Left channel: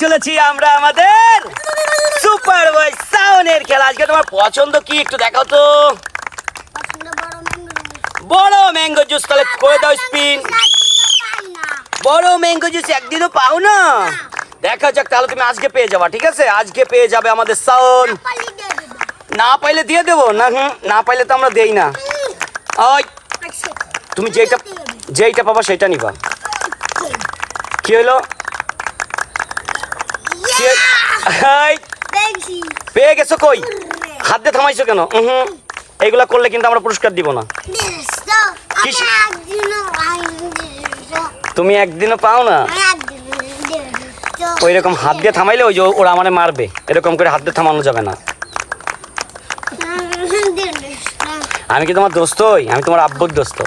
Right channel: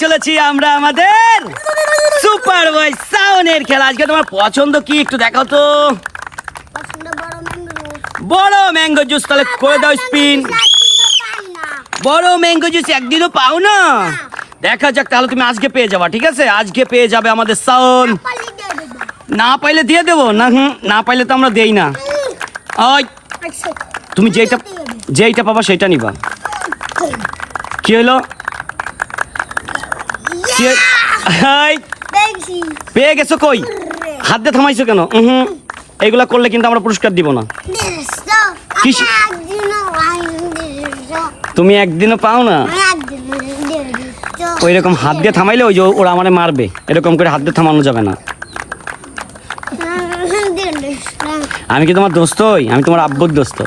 চলেছি আমরা আমাদের সুপার বয় সাউনের খেলা। আজকে তোমার পছন্দ কি একটু দেখাও তো। বড় ম্যাঙ্গো জুস। তাহলে করে দাও স্পিন। বড় ম্যাঙ্গো জুস একদিনও পাও না? দেখা যাক, তাহলে তুমি আজকে পেয়ে যাবা। ঠিক আছে, আজকে পেয়ে যাবে আমাদের সাউন। না পাইলে দিয়ে দেবো না। না পাইলে তো আমরা দেই না। ওই তুমি যেইটা পাবা সেটা নিবা। কি হলো? পেয়ে গেছো? কই হাত দিয়ে থামাইছো কেন? এইগুলা করলে কিন্তু আমরা পুরস্কার দিব না। তুমি একদিনও পাও না? ওই রকম হাত দিয়ে থামাইলে ওই যে ওরা আমারে মারবে। এরকম করে হাত দিয়ে থামানো যাবে না। আমি কি তোমার দোস্ত হই? আমি তোমার আব্বুর দোস্ত।